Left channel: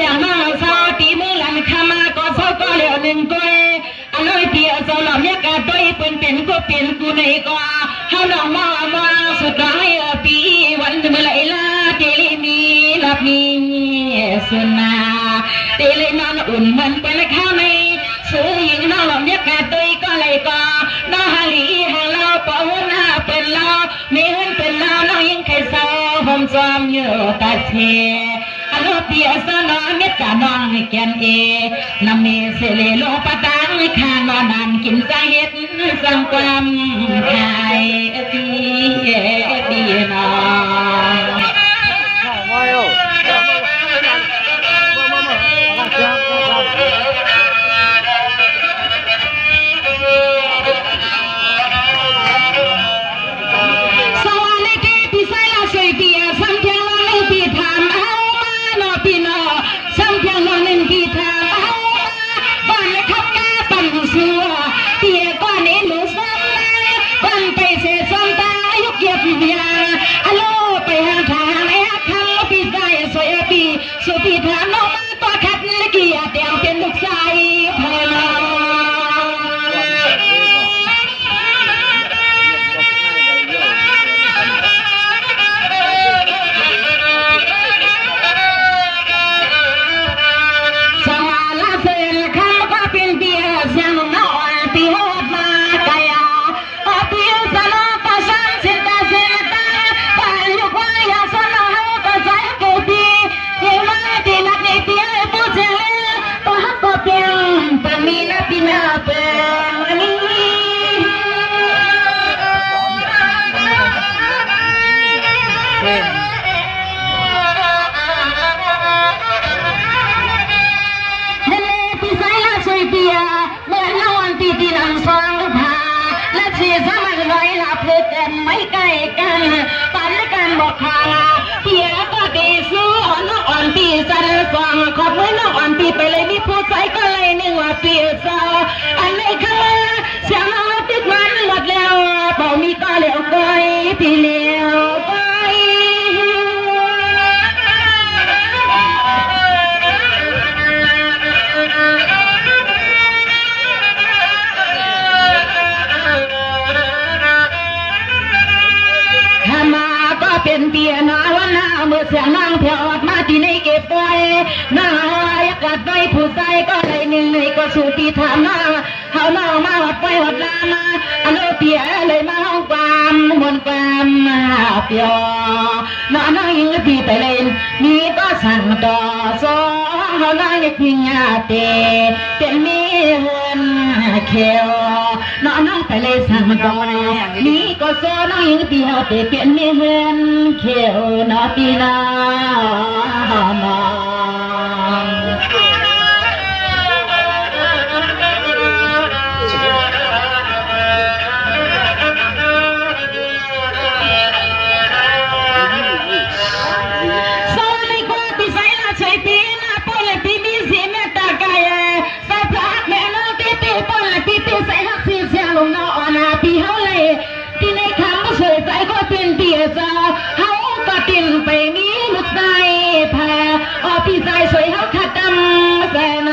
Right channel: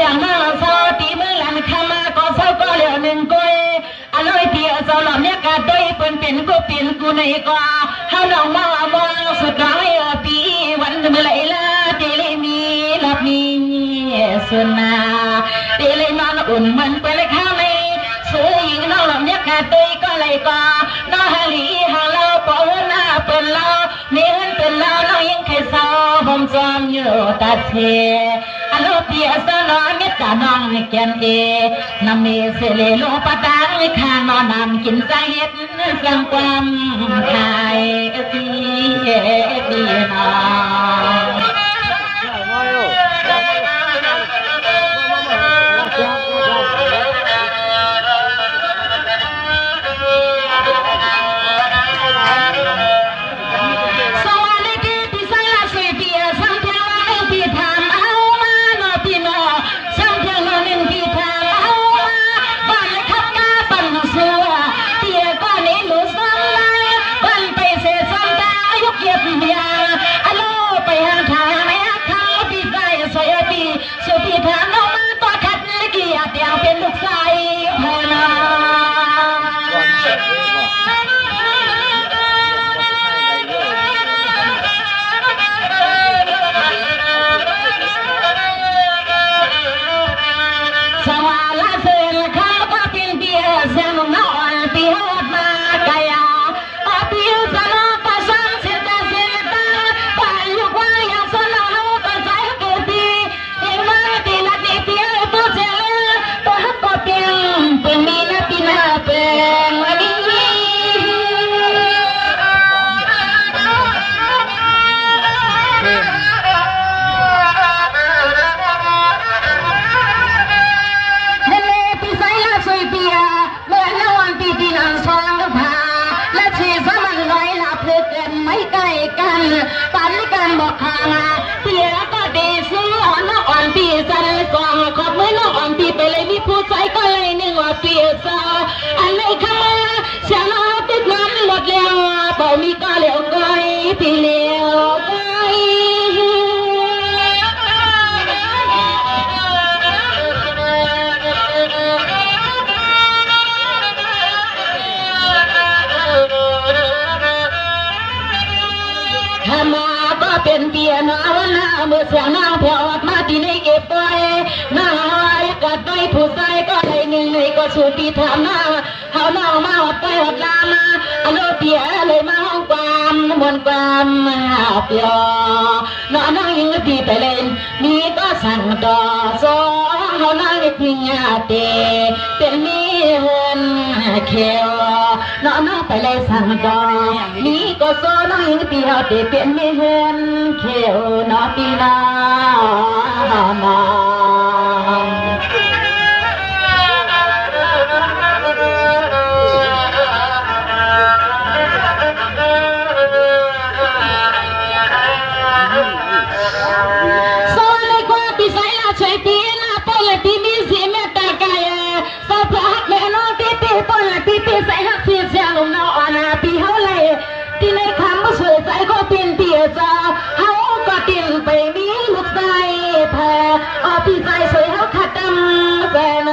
สียงมาเศร้าตีมือหลังคามาก็เศร้าก็เหลือหนึ่งก้อยอร่อยเดียวเศร้าหล่อเมียกาด้วยเปิ้นเป็นกูเป็นกูในกว่าเฮาน้องมาสุดร้อยปีวันเมื่อไรล่ะเตลีมีลับมีสุนาเตลีนอนอุ่นมันไปเลยข้าไม่ซื้อยิงน้องหล่อเมียกาด้วยก็เลยก็น้าฮาลีฮาเราปอยหน้าเป็นเราเมียเป็นเราน้องยังใครเศร้าผมจอมอยู่ตาเชอโลเปียสนอเม็ดกะน้องแกนเอนำเมเสเลโลปะตังข้างนอนนำกินใจเฮ็ดสังความขายดีดีนอสุดที่ทางน้องมาต่อขัดเกียรติเดียวเป็นลูกชายพอนาสวาลาเซนข้าก็เป็นเดียเสียงน้อยที่หดมาไกยาปิวสลบประชันเสียตาเสียตาไปยุกวายาสนาหูก็ใจกูดีเฮ้ยมาดีนักเดียตัวเสียตัวฮักก็เปียงตัวมีนักปีนาเป็นวันนี้ไม่ใกล้กันปันกันบอกคาเทียก็ดีซื้อน้องอ่อนตีสันกองขอบมือน้องอ่อนตีไปเลยมีผู้ใจก็เลยนึกว่าเปียซาอันไหนเข้ามาเสียงเอาติดมันหมดแล้วเป่ามีก็เหลียวไกลที่เหลียวไกลเป็นเปียนาวันนาเมื่อเสียงนางแผ่วมาที่ในเก็บไว้นายกัดไว้ผู้ใจก็เลยหนึ่งในก็สูปีถามมาเขาเมามาหัดไปหัดลามาอันโลเปียเลยมาห้องความมนความมาเปียน้องยิงพี่ไปเลยนี่ก็สั่งต่อสองเขานายพิงอาเตเป็นมีเงินเขียวน้องไปเลยสั่งต่อนี่ก็โซน้องยิงพี่เอาเตเป็นมีเงินเขียวน้องพี่น้องใส่หักเสียเสียงลงนอนปีเฮาเลยที่ในคำว่าสวยใจก็เป็นเปียจาเฮาก็ติ่งไปนี้ลูกใจแพ้พี่ใจสวยเฮาขัดดำแสน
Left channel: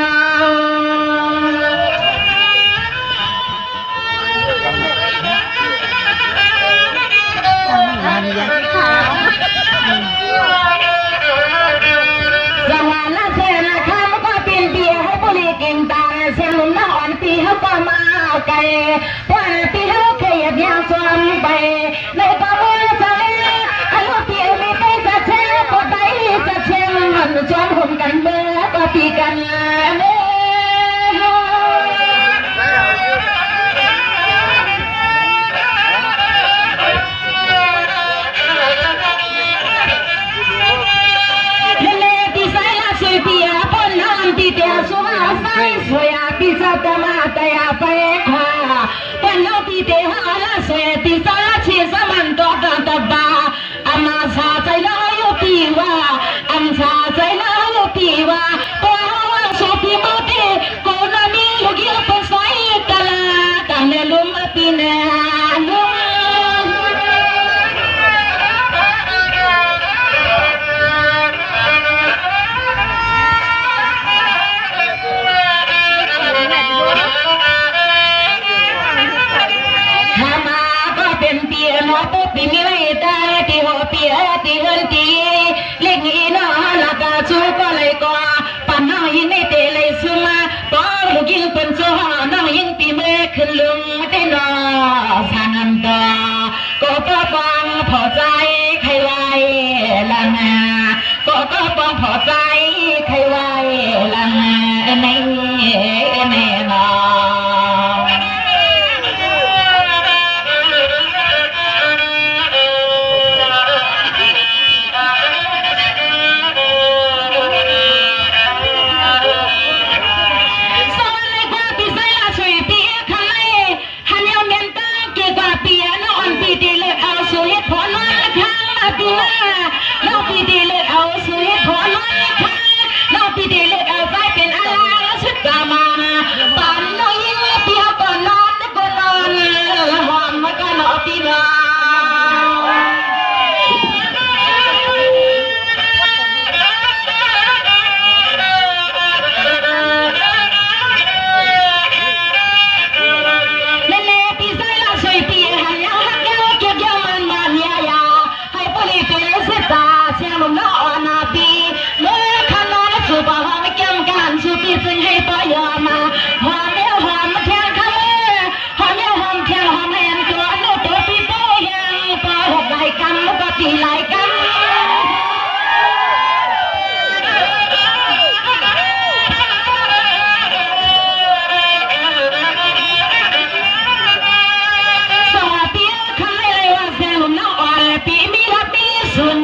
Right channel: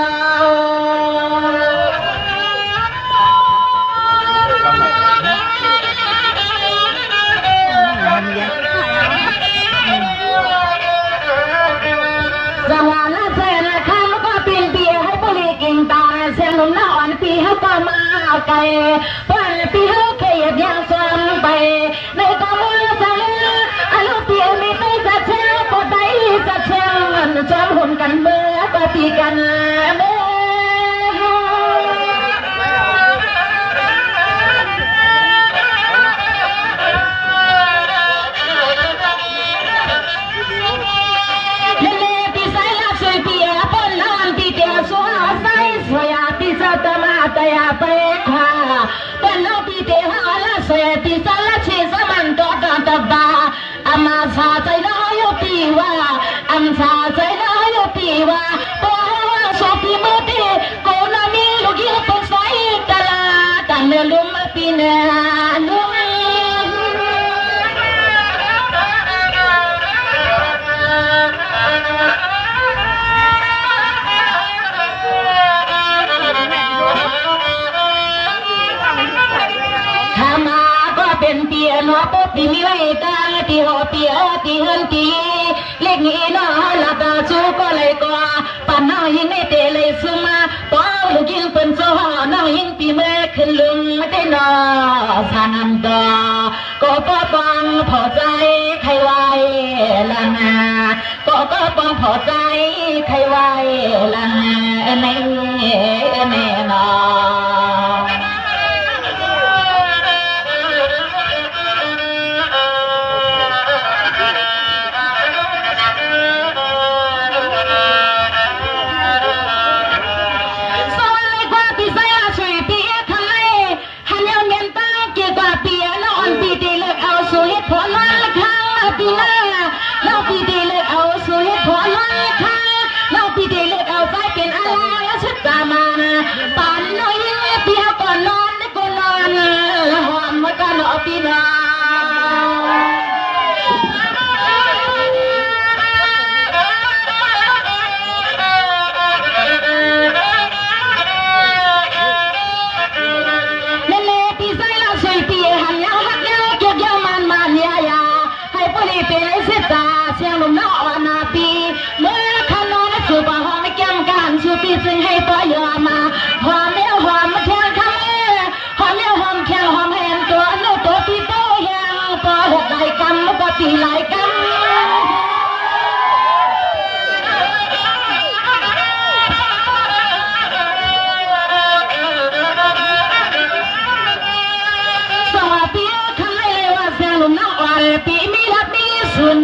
จังหวะนั้นเสียนะคำก็เป็นเปียให้บริกินตาเสียงลงนอนปีเฮาก็มาไก่ป่านปีเฮาเคยยังซ้ำไปในกองมือจะเลี้ยอารมณ์เปียมีไปจะแช่ปวดใจจะแช่มันจอมหุ่นกันเมื่อปฏิกันเมื่อสวยปีศาจมาแต่ไปขวาป เปียตีเฮินตีเล็กนี้น้อละกาชูก็เลยก็ปั่นน้องยิงในเตะเลยซึมาป้อลูกยิงเป็นโซ่น้องยิงปีเมื่อขึ้นลุงไม่ได้นอสานันตาก็ป้อฟังพอใจใครไว้ละนาก็ฟังพอใจใครไว้ละนาในแน่นอน ปีหน้าเราปีดีเลือดเอาสวยผลวันค่ะเราปีดีเลือดเอาใจเป็นอะไรชุดกามาปั่นน้อยยิ่งเปียก่อนนอนก่อนนอนหอมมากันเอาปีหน้าซึ่งให้ปอยอมาหอมเลี้ยวหอมแข็งข้างหอมเลี้ยวหอมแข็งหอมแหนตัวนู้ตัวพี่โตยังปอหกไหลกันแล้วก็ตีไหลกันสวัสดีค่ะเลยว่าเสียงลมน้ำอ่อนปีมีรักมีสุน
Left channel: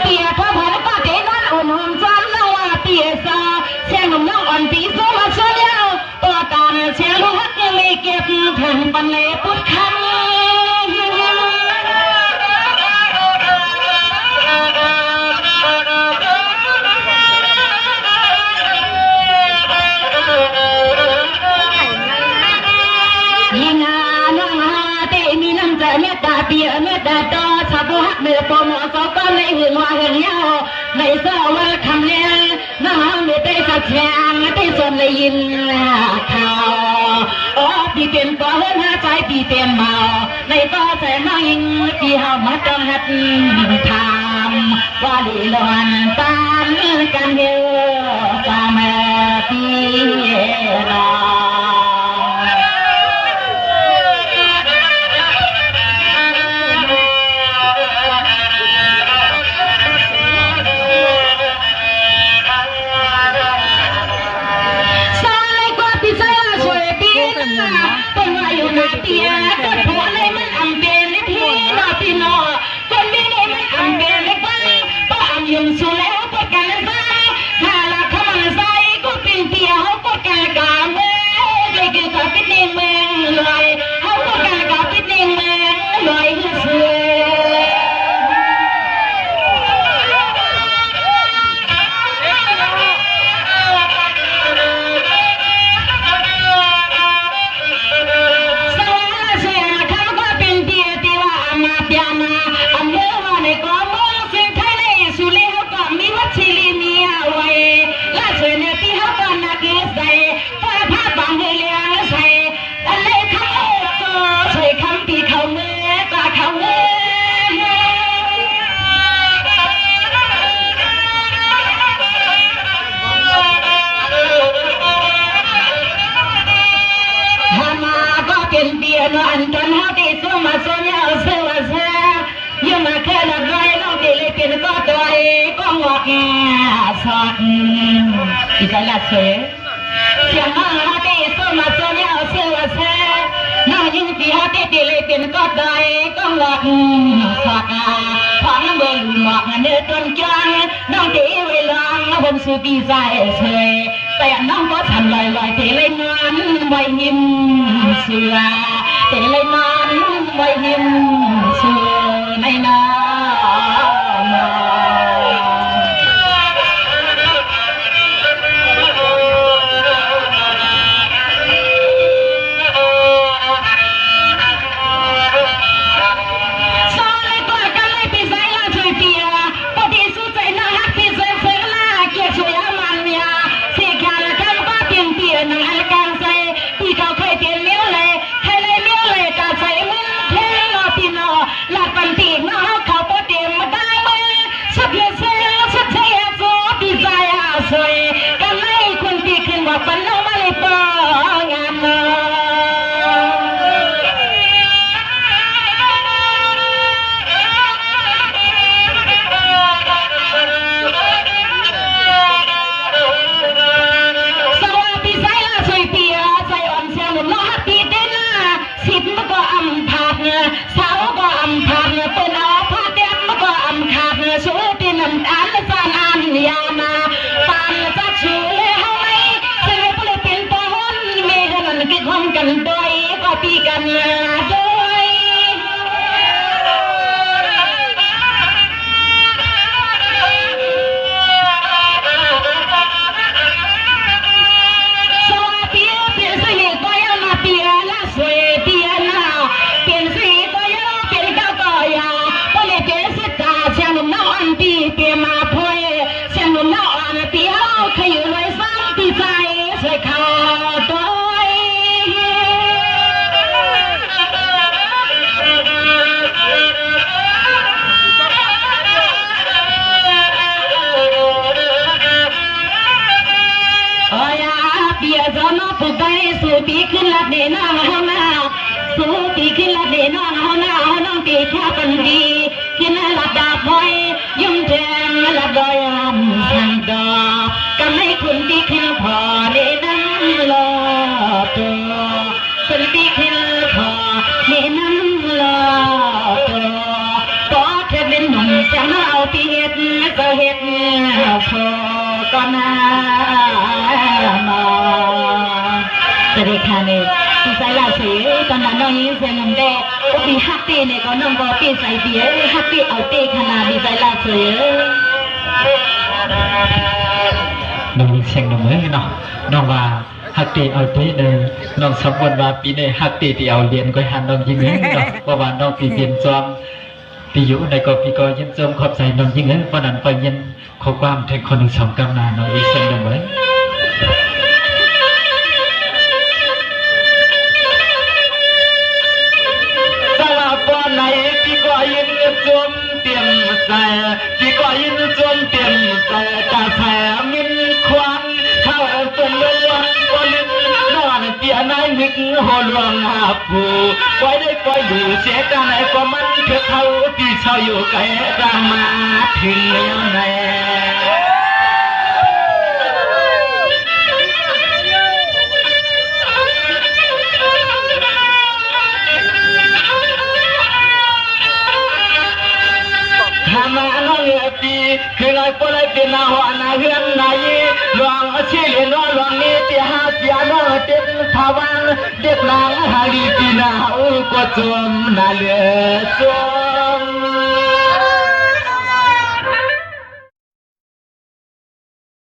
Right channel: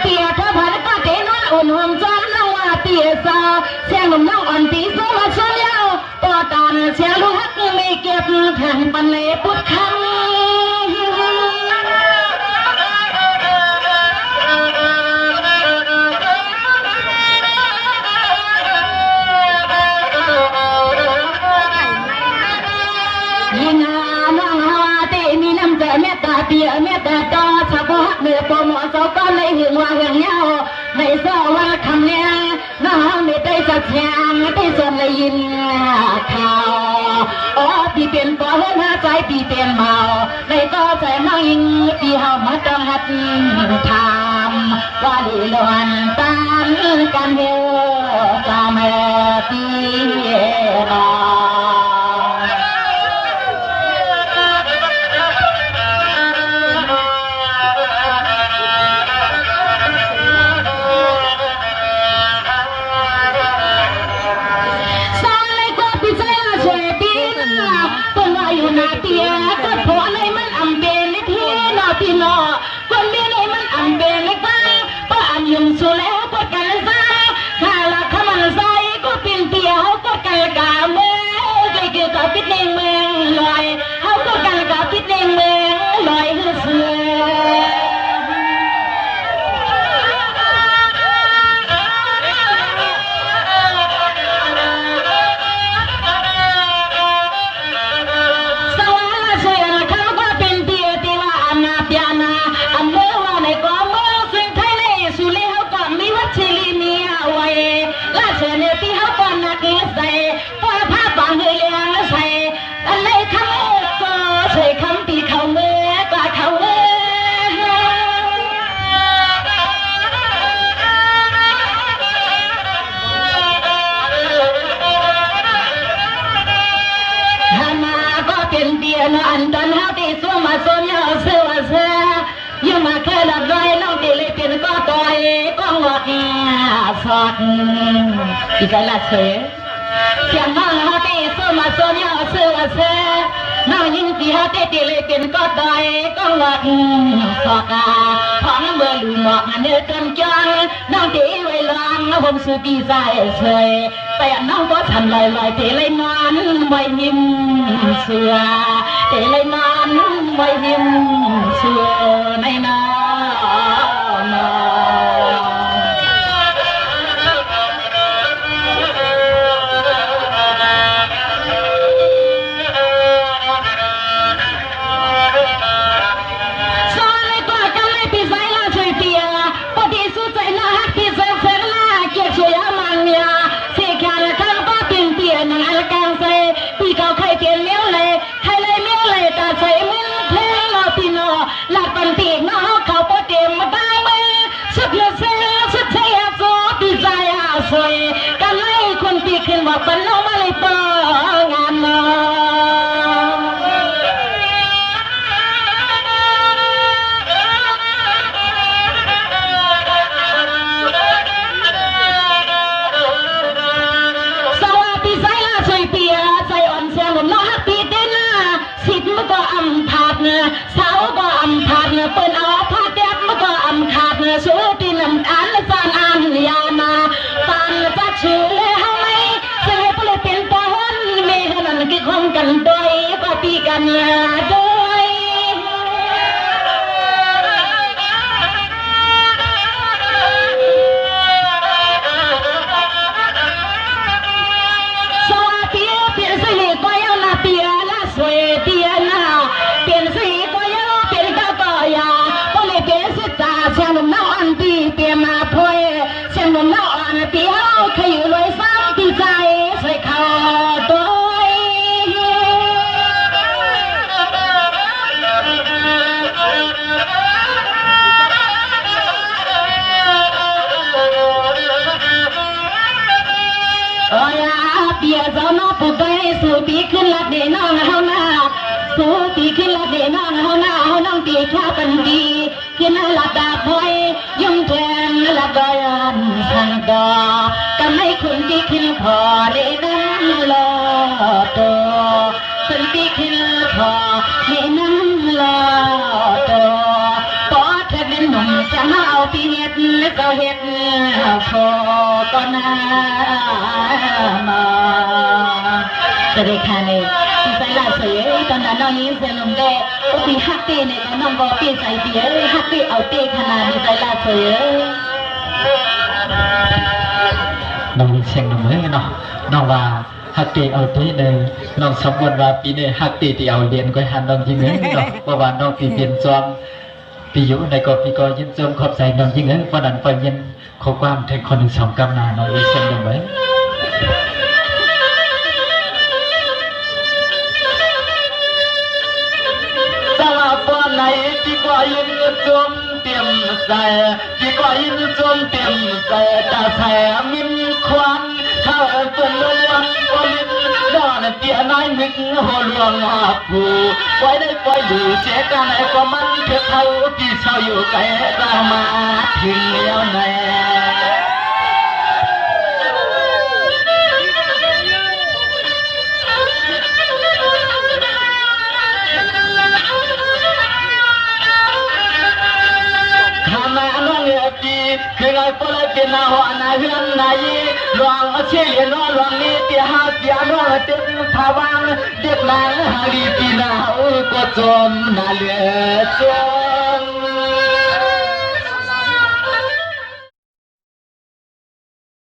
เปียกพอผ่านป้าเจนอนอุ่นหอมจันน้องว่าเปียสาวเสียงลมน้ำอ่อนปีโซมาชนเลี้ยวต่อตานเสียงลูกฮักยังไม่เก็บแผ่นปันเล่พุทธคำเปียเมื่อแต่ต่อชาวบ้านเมื่อปมอสก็ในหึงว่าหึงเหี้ยวในเสื้อว่าคำเลี้ยงน้องไม่ได้สักแฉงได้ส่วนเลยยินข่าวปีเปลี่ยนก็เฮิร์นหาใจปีเปลี่ยนเบาในก็ใจน้องยิงปีเฮามาต้องหัดทำว่าลีลวนตามกันเยอะตามปีรอเป็นว่าอยู่นาเตียก็เพราะในมันอำเบนในพี่นอพี่นอคนนี้ในมันอำเบนในบ้านป้าอำยุงสุแล้วปดกันใส่ถ้าละขมันใส่ก็เป็นเตียเขาปดกันกาเมื่อใจเกี่ยวกับพิษในเมืองลอยเขาปดกันกับพิษในเมืองลอยเสืออันตอนเฮาที่สู้มาสู้ยาวเสือเสือยังมาแค่ละร้อยเราที่เลยเป็นก็ต่อยก็งอกแงสอดอีกแล้วเสือเสียงห้องเฮาที่สู้มาสู้ยาวเสือเสือน้องยิงที่เฮาที่เลยเป็นก็ต่อยก็งอกสอดของเบอร์ลูหมอกเนื้อต้นจังน้องที่ไว้ลองผมสู้ปีใจเฉยแต่น้องก็ทำลอยๆที่เลยนอนไว้ยิ้มเสือแต่เลยมันไว้ยิ้มเสือในนาหลักกันตีน้องเขา าดชื่อที่นำอันจานอันยานาปานจัดชื่อเลยเฮาไหมซึ่งก็เลยเป็นปอนเมฆนั้นกิคงกันด้วยก็ปีกันด้วยสวัสดีเปลี่ยนสีก็ยังมาเปลี่ยนละสวยเปลี่ยนนะเปลี่ยนสีก็ยังเปลี่ยนเก้าก็ยังก็เลยเปลี่ยนสีตาเชียงนุ่มน้องอันปีเปลี่ยนมาพวยเชียงนุ่มน้องอันปีเอาขยุยเลยซ้ำปีใจสวยขาตัวโอ้ยเปียจอนอปุกไปสู่ปีขึ้นละเดน้องเฮาหน้าสู่ปีขึ้นละเดน้องเฮาหน้าเฮาน้องปีแค่ปันดีขึ้นละดาบอยยุ่งแจมละดอยอันสังดอกำให้คุณปีขึ้นพอเดน้ำลอตัวคุณปีขึ้นพอเดน้ำลอตัวก็แค่เป็นหนุ่มจะมาเอาปีเฮ็ดก็เฮ็ดพอก็น่ามาสวัสดีค่ะเนี่ยปีใส่ลาเสียตอนนั้นน้องยิ่งเสียลมแดงก็ปีฮักเต้เนี่ยก็น้องก็ปีใส่เบียฮักเต้เอาเต้ขนาดปีใส่ลาเสียน้องเสียงน้องเอ้ยเนาะน้องว่าฮักเต้เอาเต้เลยน้องสมบูรณ์ว่าปีนี้ฮักเต้ที่เอาเรียนก็หันน้องยิ่งเอ้ยเนาะเพราะว่าน้องปีเปลี่ยนจอมปีอยู่ในก็ปีก็ยินจมขอบใจน้องยิ่งเอ้ยเพราะนั้นก็ยินขอความแทนคนหนึ่งสองกำนาน้องเสียงน้องเอ้ยไหนพี่ก็ยินจมเต็มใจพี่ก็ยินจมเต็มใจกะแถมินควันถ้าเป็นเรื่องก็ลินนอนเปียนายนึกหัวลวงอาผูไว้ได้ปล่อยดูเสียกันไหนก็มันเพื่อเขาพี่ชาวอยู่ไกลจะมาถึงแล้วแน่มาน้องปีคือไอ้พวกไอ้เป็นหัวหน้าเฮือนนายหลวงเชี่ยน้องหลวงนี่เตี้ยหาเตี้ยน้องเด็กภาวันเด็กนางหาดีปีนาอุกจมนาเลือจม